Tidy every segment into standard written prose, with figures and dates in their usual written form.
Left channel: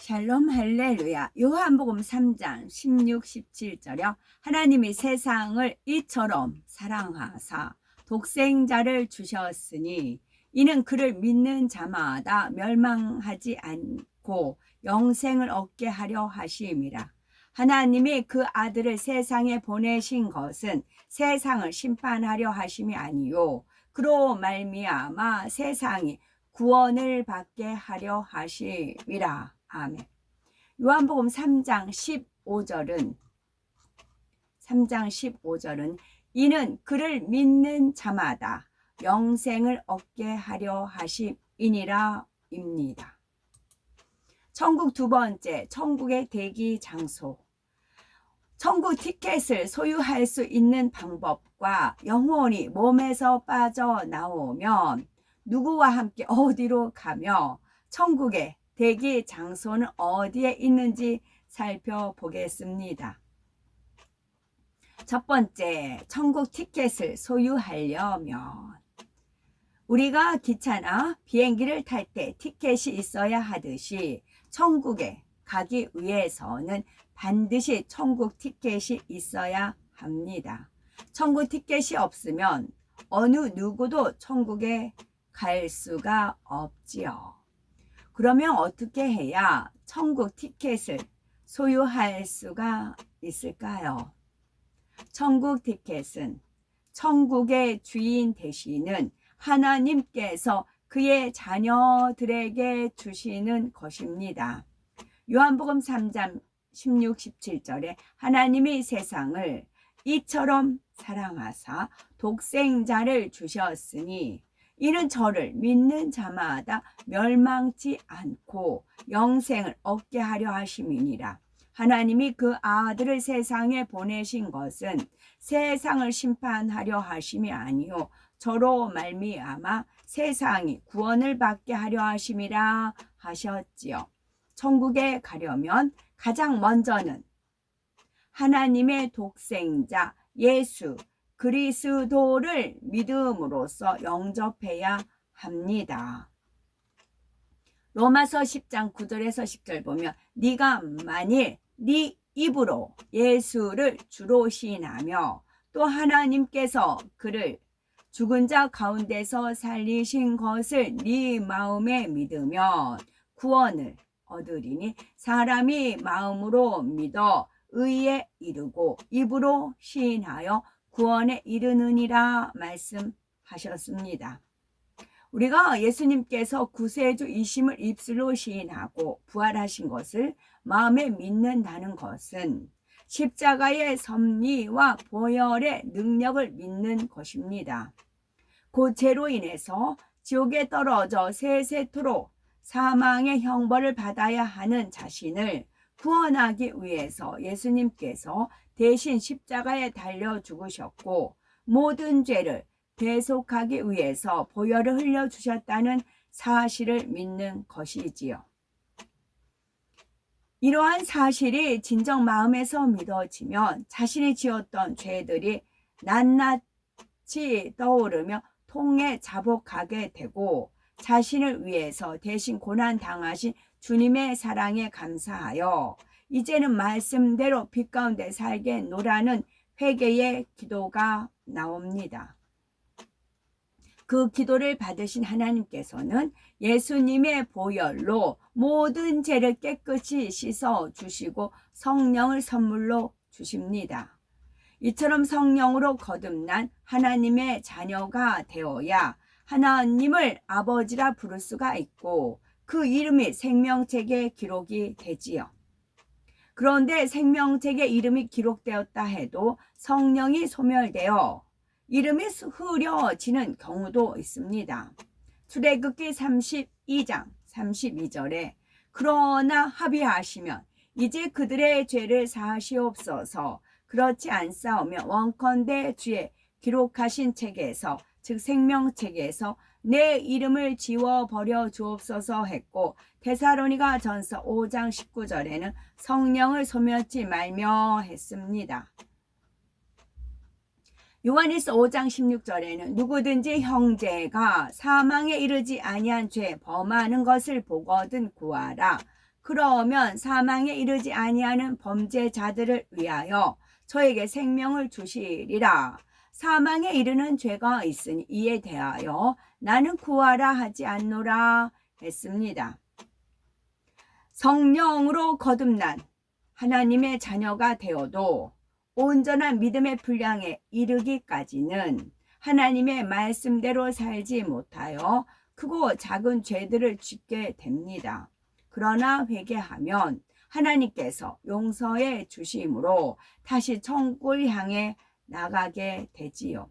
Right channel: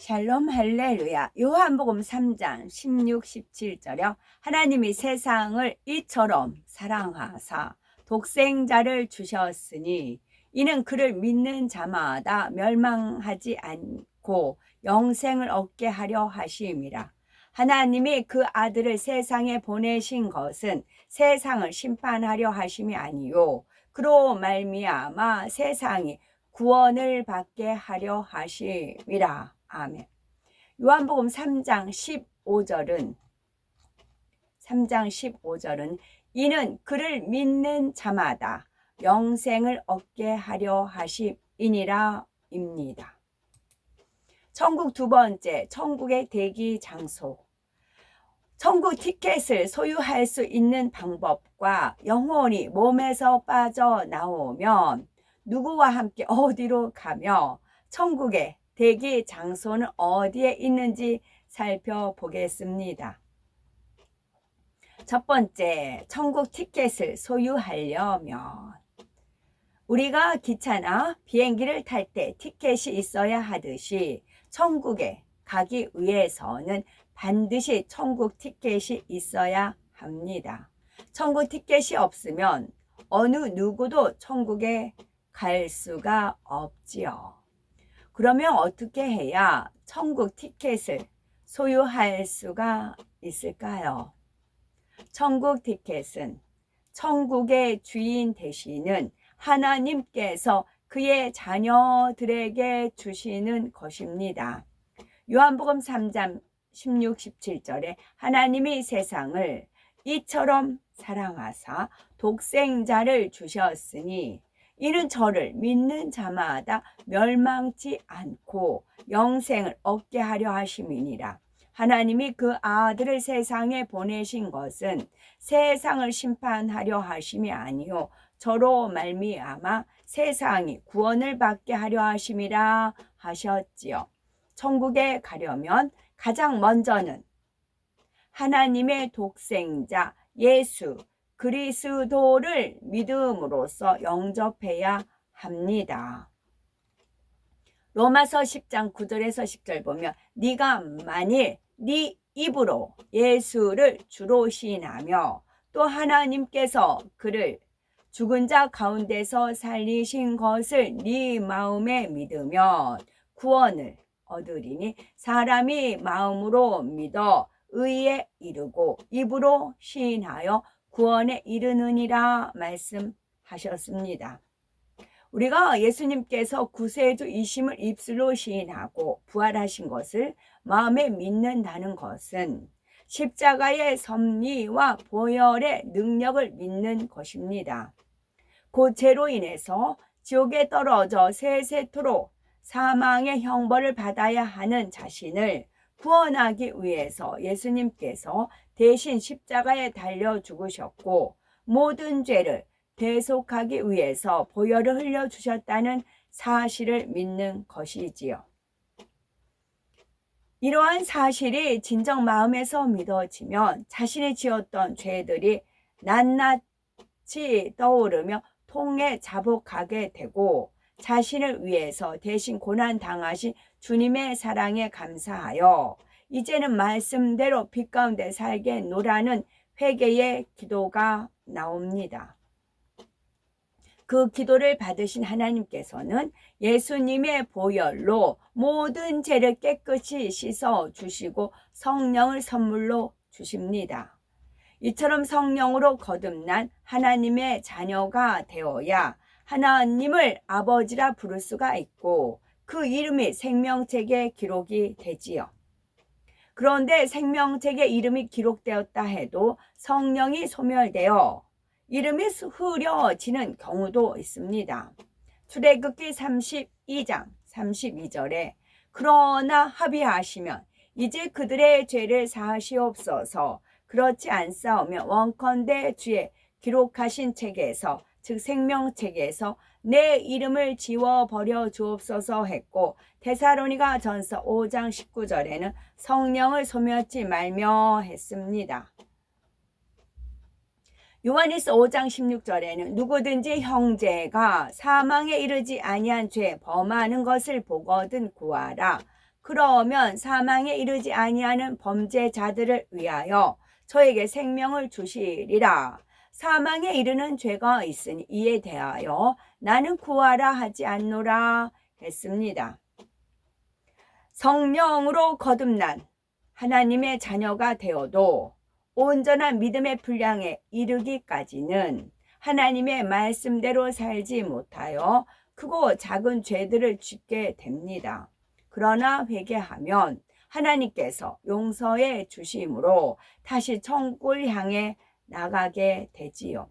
샬롬 할렐루야. 요한복음 3장 16, 17절에 하나님이 세상을 이처럼 사랑하사 독생자를 주셨으니 이는 그를 믿는 자마다 멸망하지 않고 영생을 얻게 하려 하심이라. 하나님이 그 아들을 세상에 보내신 것은 세상을 심판하려 하심이 아니요 그로 말미암아 세상이 구원을 받게 하려 하심이라. 아멘. 요한복음 3장 15절은 이는 그를 믿는 자마다 영생을 얻게 하려 하심이니라 입니다. 천국 두 번째, 천국의 대기 장소. 천국 티켓을 소유할 수 있는 방법과 영혼이 몸에서 빠져나오면 누구와 함께 어디로 가며 천국의 대기 장소는 어디에 있는지 살펴보겠습니다. 첫 번째, 천국 티켓을 소유하려면 우리가 기차나 비행기를 탈 때 티켓이 있어야 하듯이 천국에 가기 위해서는 반드시 천국 티켓이 있어야 합니다. 천국 티켓이 없으면 어느 누구도 천국에 갈 수가 없지요. 그러면 어떻게 해야 천국 티켓을 소유할 수가 있을까요? 천국 티켓은 천국의 주인 되시는 하나님께서 그의 자녀들에게 주시는 것입니다. 요한복음 3장 16, 17절에 하나님이 세상을 이처럼 사랑하사 독생자를 주셨으니 이는 저를 믿는 자마다 멸망치 않고 영생을 얻게 하려 하심이니라. 하나님이 그 아들을 세상에 보내신 것은 세상을 심판하려 하심이 아니요 저로 말미암아 세상이 구원을 받게 하려 하심이라 하셨지요. 천국에 가려면 가장 먼저는 하나님의 독생자 예수 그리스도를 믿음으로써 영접해야 합니다. 로마서 10장 9절에서 10절 보면 네가 만일 네 입으로 예수를 주로 시인하며 또 하나님께서 그를 죽은 자 가운데서 살리신 것을 네 마음에 믿으면 구원을 얻으리니 사람이 마음으로 믿어 의에 이르고 입으로 시인하여 구원에 이르느니라 말씀하셨습니다. 우리가 예수님께서 구세주이심을 입술로 시인하고 부활하신 것을 마음에 믿는다는 것은 십자가의 섭리와 보혈의 능력을 믿는 것입니다. 그 죄로 인해서 지옥에 떨어져 세세토록 사망의 형벌을 받아야 하는 자신을 구원하기 위해서 예수님께서 대신 십자가에 달려 죽으셨고 모든 죄를 대속하기 위해서 보혈을 흘려주셨다는 사실을 믿는 것이지요. 이러한 사실이 진정 마음에서 믿어지면 자신이 지었던 죄들이 낱낱이 떠오르며 통에 자복하게 되고 자신을 위해서 대신 고난 당하신 주님의 사랑에 감사하여 이제는 말씀대로 빛 가운데 살겠노라는 회개의 기도가 나옵니다. 그 기도를 받으신 하나님께서는 예수님의 보혈로 모든 죄를 깨끗이 씻어 주시고 성령을 선물로 주십니다. 이처럼 성령으로 거듭난 하나님의 자녀가 되어야 하나님을 아버지라 부를 수가 있고 그 이름이 생명책에 기록이 되지요. 그런데 생명책에 이름이 기록되었다 해도 성령이 소멸되어 이름이 흐려지는 경우도 있습니다. 출애굽기 32장 32절에 그러나 합의하시면 이제 그들의 죄를 사하시옵소서 그렇지 않사오면 원컨대 주의 기록하신 책에서 즉 생명책에서 내 이름을 지워버려 주옵소서 했고 데살로니가 전서 5장 19절에는 성령을 소멸치 말며 했습니다. 요한일서 5장 16절에는 누구든지 형제가 사망에 이르지 아니한 죄 범하는 것을 보거든 구하라. 그러면 사망에 이르지 아니하는 범죄자들을 위하여 저에게 생명을 주시리라. 사망에 이르는 죄가 있으니 이에 대하여 나는 구하라 하지 않노라 했습니다. 성령으로 거듭난 하나님의 자녀가 되어도 온전한 믿음의 분량에 이르기까지는 하나님의 말씀대로 살지 못하여 크고 작은 죄들을 짓게 됩니다. 그러나 회개하면 하나님께서 용서해 주심으로 다시 천국을 향해 나가게 되지요.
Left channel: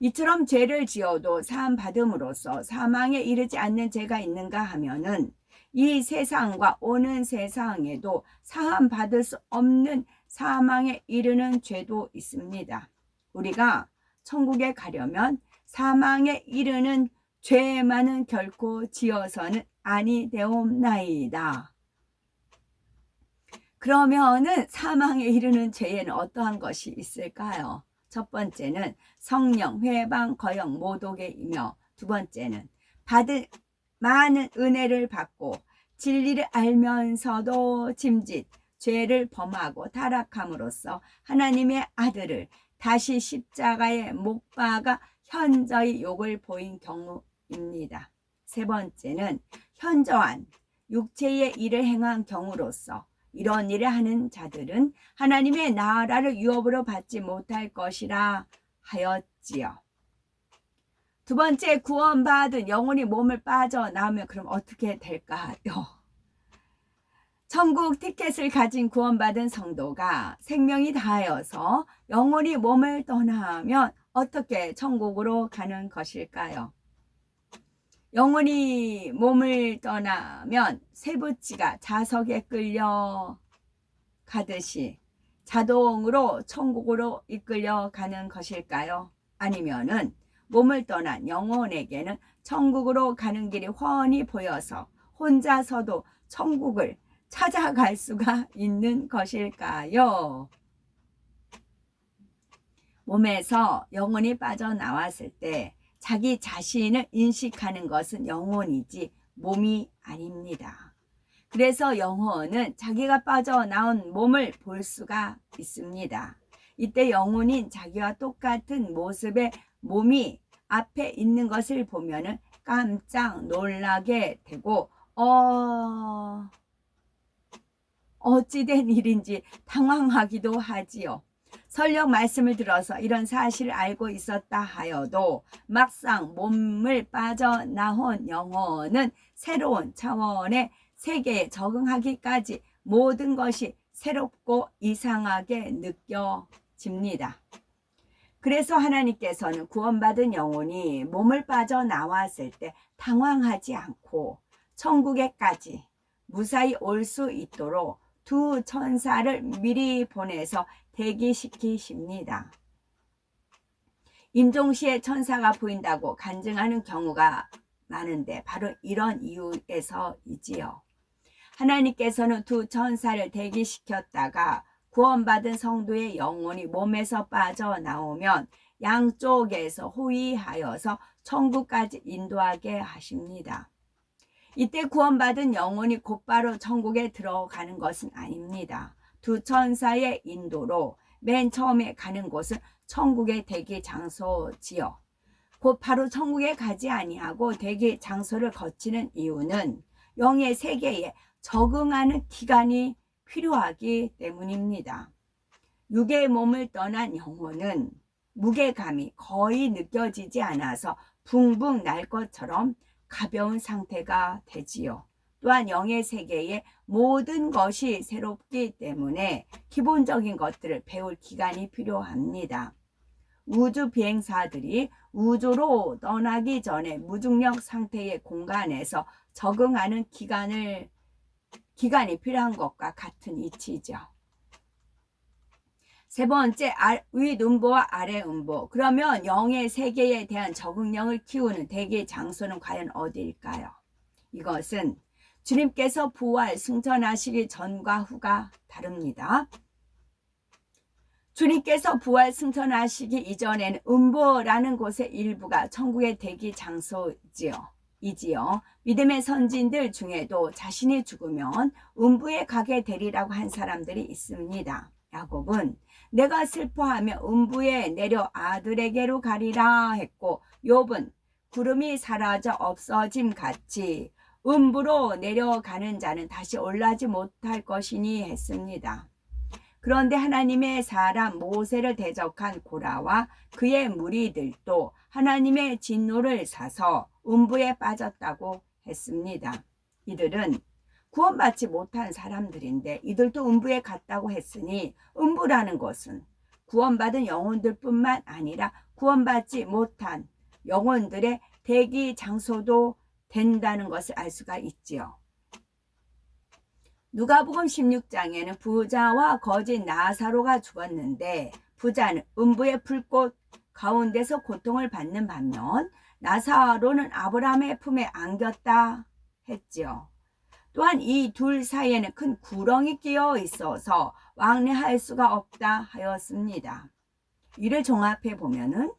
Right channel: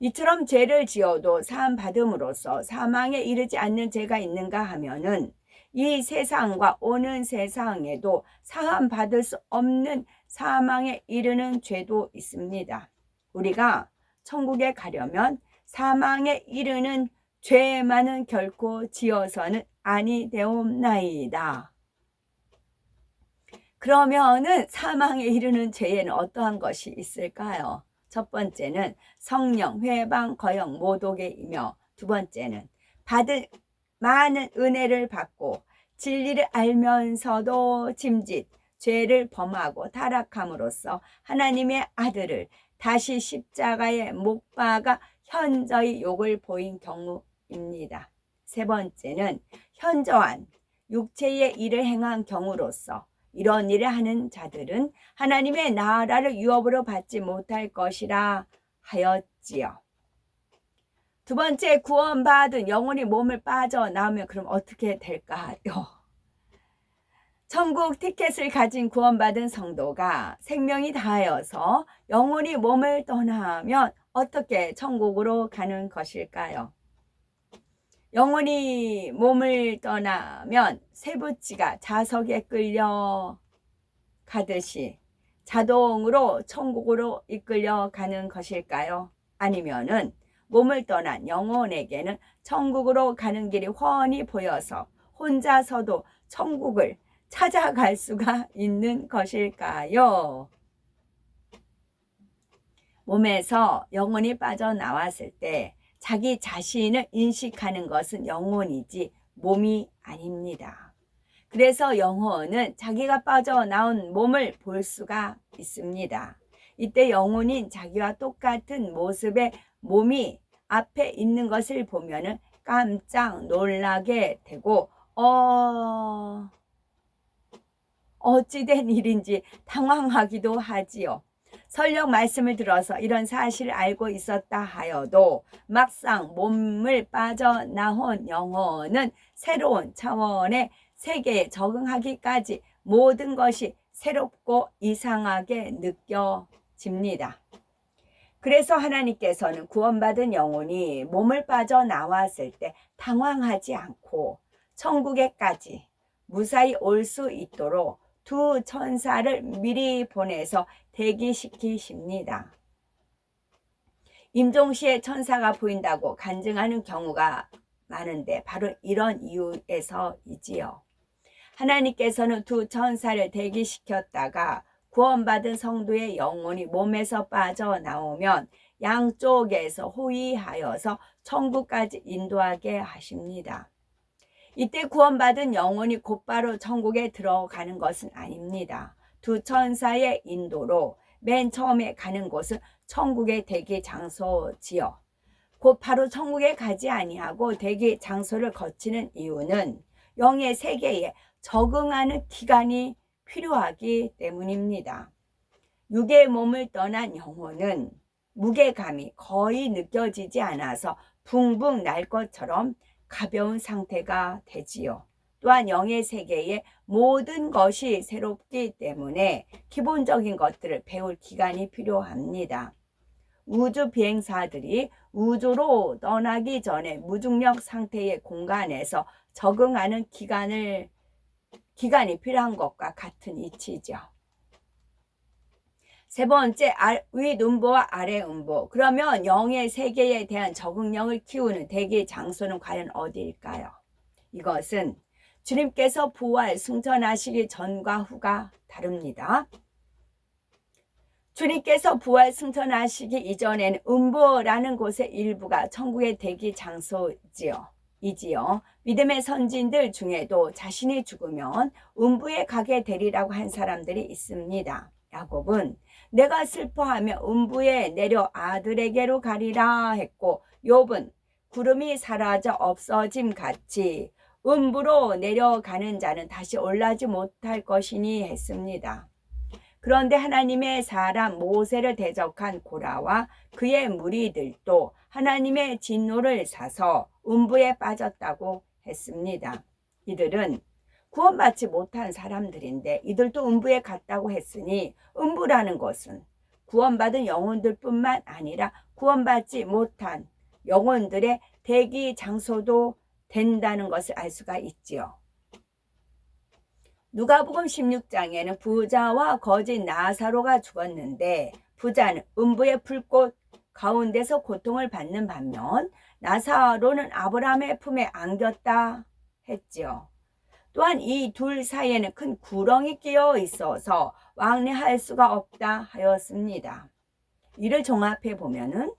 이처럼 죄를 지어도 사함 받음으로써 사망에 이르지 않는 죄가 있는가 하면은 이 세상과 오는 세상에도 사함 받을 수 없는 사망에 이르는 죄도 있습니다. 우리가 천국에 가려면 사망에 이르는 죄만은 결코 지어서는 아니 되옵나이다. 그러면은 사망에 이르는 죄에는 어떠한 것이 있을까요? 첫 번째는 성령, 회방, 거역, 모독이며 두 번째는 받을 많은 은혜를 받고 진리를 알면서도 짐짓, 죄를 범하고 타락함으로써 하나님의 아들을 다시 십자가에 못 박아 현저히 욕을 보인 경우입니다. 세 번째는 현저한 육체의 일을 행한 경우로서 이런 일을 하는 자들은 하나님의 나라를 유업으로 받지 못할 것이라 하였지요. 두 번째, 구원받은 영혼이 몸을 빠져나오면 그럼 어떻게 될까요? 천국 티켓을 가진 구원받은 성도가 생명이 다하여서 영혼이 몸을 떠나면 어떻게 천국으로 가는 것일까요? 영혼이 몸을 떠나면 쇠붙이가 자석에 끌려 가듯이 자동으로 천국으로 이끌려 가는 것일까요? 아니면은 몸을 떠난 영혼에게는 천국으로 가는 길이 훤히 보여서 혼자서도 천국을 찾아갈 수가 있는 것일까요? 몸에서 영혼이 빠져나왔을 때 자기 자신을 인식하는 것은 영혼이지 몸이 아닙니다. 그래서 영혼은 자기가 빠져나온 몸을 볼 수가 있습니다. 이때 영혼인 자기와 똑같은 모습의 몸이 앞에 있는 것을 보면은 깜짝 놀라게 되고 어찌된 일인지 당황하기도 하지요. 설령 말씀을 들어서 이런 사실을 알고 있었다 하여도 막상 몸을 빠져나온 영혼은 새로운 차원의 세계에 적응하기까지 모든 것이 새롭고 이상하게 느껴집니다. 그래서 하나님께서는 구원받은 영혼이 몸을 빠져나왔을 때 당황하지 않고 천국에까지 무사히 올 수 있도록 두 천사를 미리 보내서 대기시키십니다. 임종시에 천사가 보인다고 간증하는 경우가 많은데 바로 이런 이유에서이지요. 하나님께서는 두 천사를 대기시켰다가 구원받은 성도의 영혼이 몸에서 빠져나오면 양쪽에서 호위하여서 천국까지 인도하게 하십니다. 이때 구원받은 영혼이 곧바로 천국에 들어가는 것은 아닙니다. 두 천사의 인도로 맨 처음에 가는 곳은 천국의 대기 장소지요. 곧바로 천국에 가지 아니하고 대기 장소를 거치는 이유는 영의 세계에 적응하는 기간이 필요하기 때문입니다. 육의 몸을 떠난 영혼은 무게감이 거의 느껴지지 않아서 붕붕 날 것처럼 가벼운 상태가 되지요. 또한 영의 세계에 모든 것이 새롭기 때문에 기본적인 것들을 배울 기간이 필요합니다. 우주 비행사들이 우주로 떠나기 전에 무중력 상태의 공간에서 적응하는 기간이 필요한 것과 같은 이치죠. 세 번째, 윗음보와 아래음보. 그러면 영의 세계에 대한 적응력을 키우는 대기 장소는 과연 어디일까요? 이것은 주님께서 부활 승천하시기 전과 후가 다릅니다. 주님께서 부활 승천하시기 이전에는 음보라는 곳의 일부가 천국의 대기 장소지요. 이지요. 믿음의 선진들 중에도 자신이 죽으면 음부에 가게 되리라고 한 사람들이 있습니다. 야곱은 내가 슬퍼하며 음부에 내려 아들에게로 가리라 했고, 욥은 구름이 사라져 없어짐 같이 음부로 내려가는 자는 다시 올라지 못할 것이니 했습니다. 그런데 하나님의 사람 모세를 대적한 고라와 그의 무리들도 하나님의 진노를 사서 음부에 빠졌다고 했습니다. 이들은 구원받지 못한 사람들인데 이들도 음부에 갔다고 했으니, 음부라는 것은 구원받은 영혼들뿐만 아니라 구원받지 못한 영혼들의 대기 장소도 된다는 것을 알 수가 있지요. 누가복음 16장에는 부자와 거지 나사로가 죽었는데, 부자는 음부의 불꽃 가운데서 고통을 받는 반면 나사로는 아브라함의 품에 안겼다 했지요. 또한 이 둘 사이에는 큰 구렁이 끼어 있어서 왕래할 수가 없다 하였습니다. 이를 종합해 보면은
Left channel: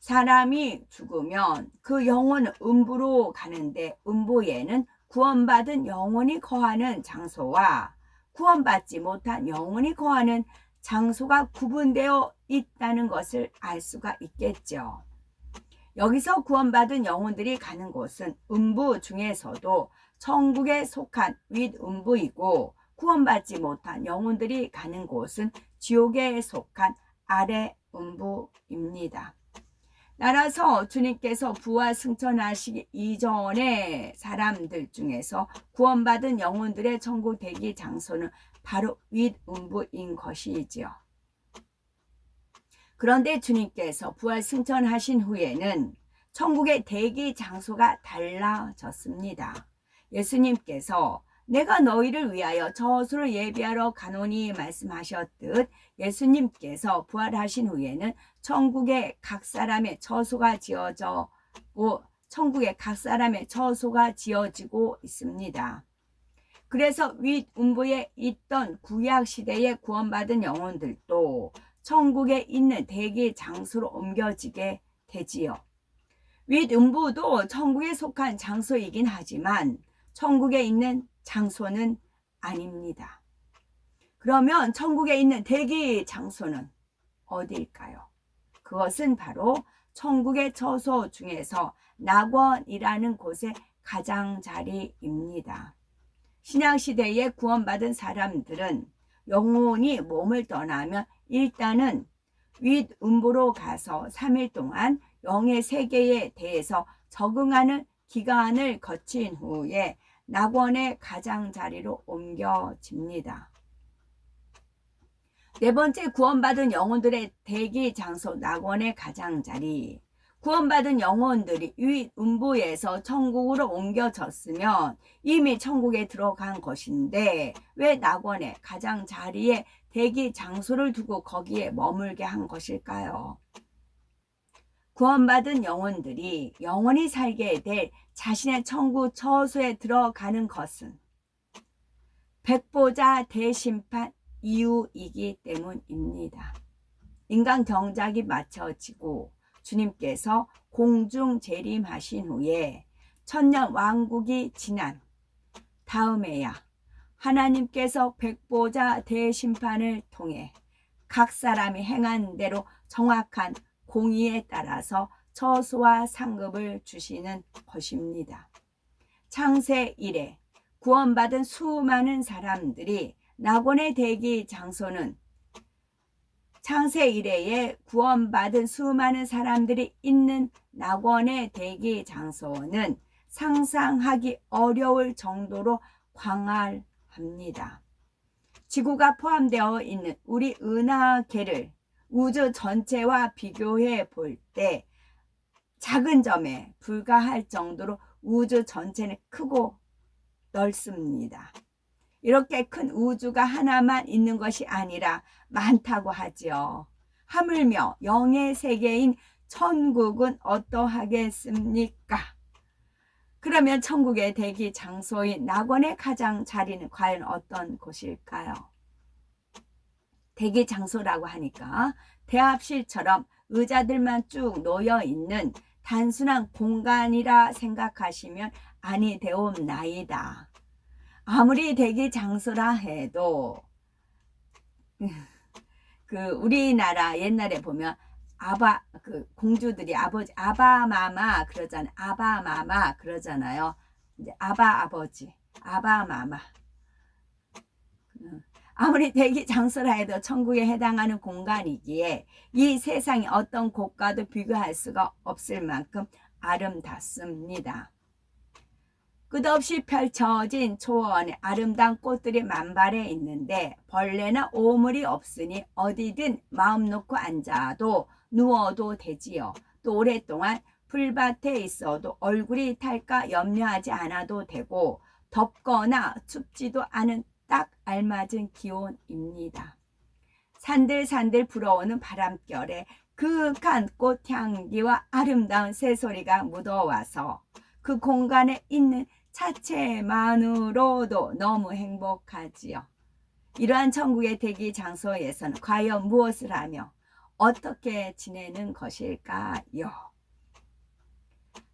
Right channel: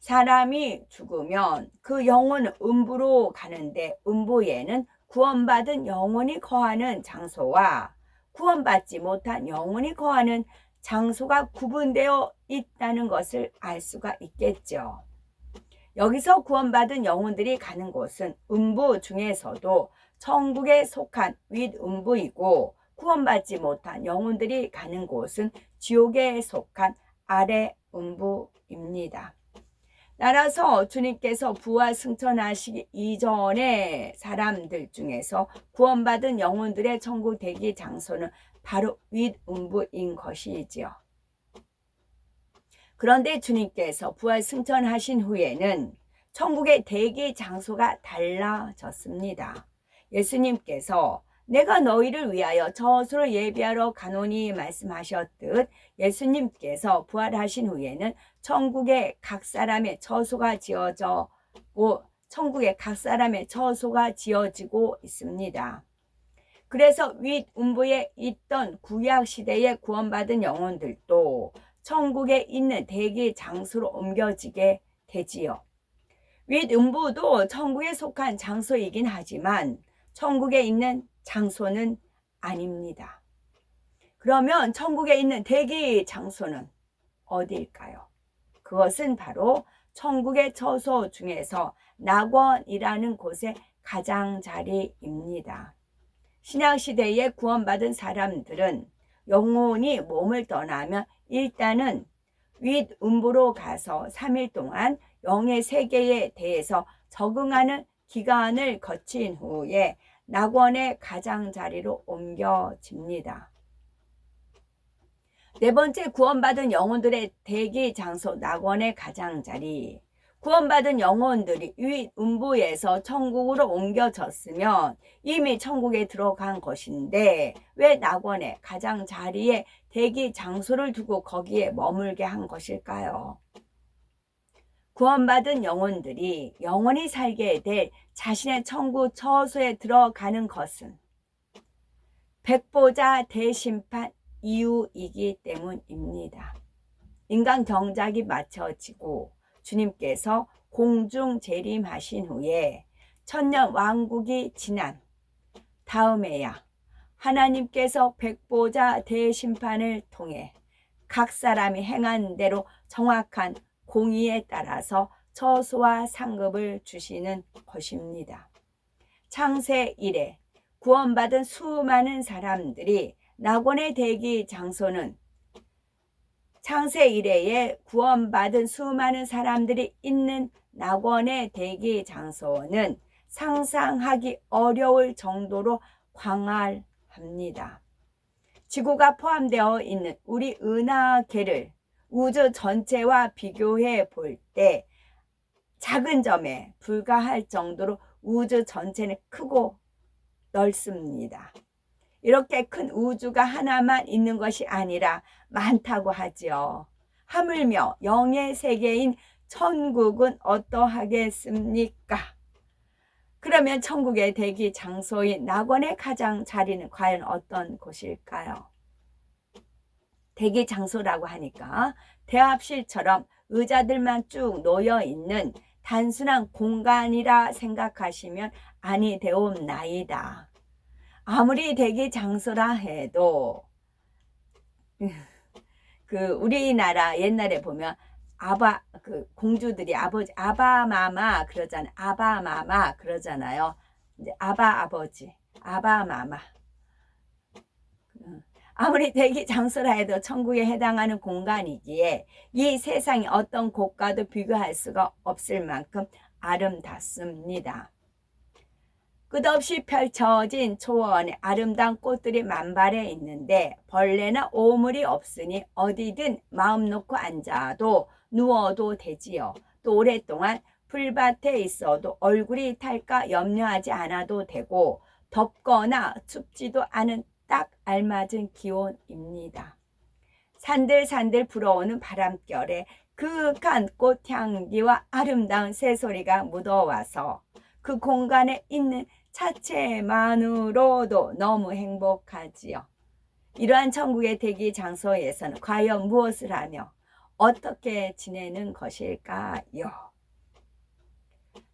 사람이 죽으면 그 영혼은 음부로 가는데, 음부에는 구원받은 영혼이 거하는 장소와 구원받지 못한 영혼이 거하는 장소가 구분되어 있다는 것을 알 수가 있겠죠. 여기서 구원받은 영혼들이 가는 곳은 음부 중에서도 천국에 속한 윗음부이고, 구원받지 못한 영혼들이 가는 곳은 지옥에 속한 아래음부입니다. 따라서 주님께서 부활 승천하시기 이전의 사람들 중에서 구원받은 영혼들의 천국 대기 장소는 바로 윗음부인 것이지요. 그런데 주님께서 부활 승천하신 후에는 천국의 대기 장소가 달라졌습니다. 예수님께서 내가 너희를 위하여 저수를 예비하러 가노니 말씀하셨듯, 예수님께서 부활하신 후에는 천국에 각 사람의 처소가 지어지고 있습니다. 그래서 윗음부에 있던 구약 시대에 구원받은 영혼들도 천국에 있는 대기 장소로 옮겨지게 되지요. 윗음부도 천국에 속한 장소이긴 하지만 천국에 있는 장소는 아닙니다. 그러면 천국에 있는 대기 장소는 어디일까요? 그것은 바로 천국의 처소 중에서 낙원이라는 곳의 가장자리입니다. 신약시대에 구원받은 사람들은 영혼이 몸을 떠나면 일단은 윗음부로 가서 3일 동안 영의 세계에 대해서 적응하는 기간을 거친 후에 낙원의 가장자리로 옮겨집니다. 네 번째, 구원받은 영혼들의 대기 장소 낙원의 가장자리. 구원받은 영혼들이 윗음부에서 천국으로 옮겨졌으면 이미 천국에 들어간 것인데, 왜 낙원의 가장자리에 대기 장소를 두고 거기에 머물게 한 것일까요? 구원받은 영혼들이 영원히 살게 될 자신의 천국 처소에 들어가는 것은 백보자 대심판 이후이기 때문입니다. 인간 경작이 마쳐지고 주님께서 공중 재림하신 후에 천년 왕국이 지난 다음에야 하나님께서 백보자 대심판을 통해 각 사람이 행한 대로 정확한 공의에 따라서 처소와 상급을 주시는 것입니다. 창세 이래 구원받은 수많은 사람들이 낙원의 대기 장소는 창세 이래에 구원받은 수많은 사람들이 있는 낙원의 대기 장소는 상상하기 어려울 정도로 광활합니다. 지구가 포함되어 있는 우리 은하계를 우주 전체와 비교해 볼 때 작은 점에 불과할 정도로 우주 전체는 크고 넓습니다. 이렇게 큰 우주가 하나만 있는 것이 아니라 많다고 하지요. 하물며 영의 세계인 천국은 어떠하겠습니까? 그러면 천국의 대기 장소인 낙원의 가장 자리는 과연 어떤 곳일까요? 대기 장소라고 하니까 대합실처럼 의자들만 쭉 놓여 있는 단순한 공간이라 생각하시면 아니 되옵나이다. 아무리 대기 장소라 해도 그 우리나라 옛날에 보면 그 공주들이 아버지 아바마마 그러잖아요. 아바마마 그러잖아요. 이제 아버지 아바마마. 아무리 대기 장소라 해도 천국에 해당하는 공간이기에 이 세상의 어떤 곳과도 비교할 수가 없을 만큼 아름답습니다. 끝없이 펼쳐진 초원에 아름다운 꽃들이 만발해 있는데 벌레나 오물이 없으니 어디든 마음 놓고 앉아도 누워도 되지요. 또 오랫동안 풀밭에 있어도 얼굴이 탈까 염려하지 않아도 되고 덥거나 춥지도 않은 딱 알맞은 기온입니다. 산들산들 불어오는 바람결에 그윽한 꽃향기와 아름다운 새소리가 묻어와서 그 공간에 있는 자체만으로도 너무 행복하지요. 이러한 천국의 대기 장소에서는 과연 무엇을 하며 어떻게 지내는 것일까요?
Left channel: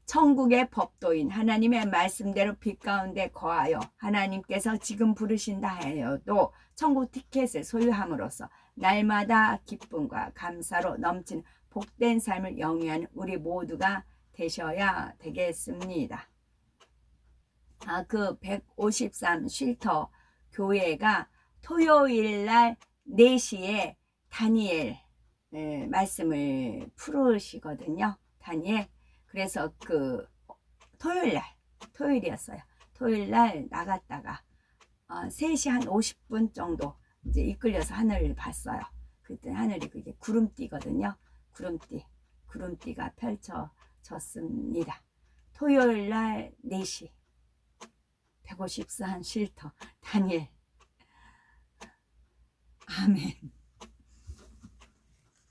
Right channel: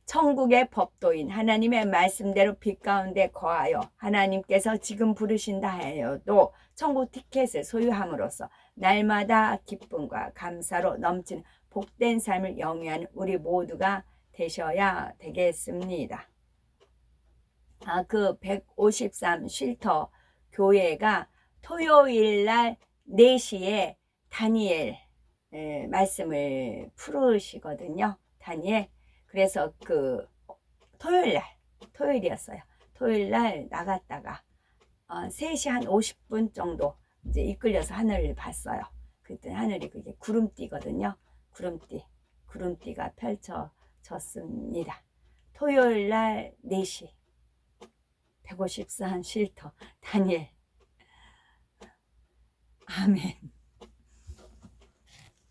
천국의 법도인 하나님의 말씀대로 빛 가운데 거하여 하나님께서 지금 부르신다 하여도 천국 티켓을 소유함으로써 날마다 기쁨과 감사로 넘치는 복된 삶을 영위하는 우리 모두가 되셔야 되겠습니다. 그 153 쉴터 교회가 토요일 날 4시에 다니엘 말씀을 풀으시거든요. 다니엘. 그래서 그 토요일이었어요. 토요일 날 나갔다가 3시 한 50분 정도 이제 이끌려서 하늘을 봤어요. 그때 하늘이 그게 구름띠거든요. 구름띠가 펼쳐졌습니다. 토요일 날 4시 153 쉴터 다니엘. 아멘.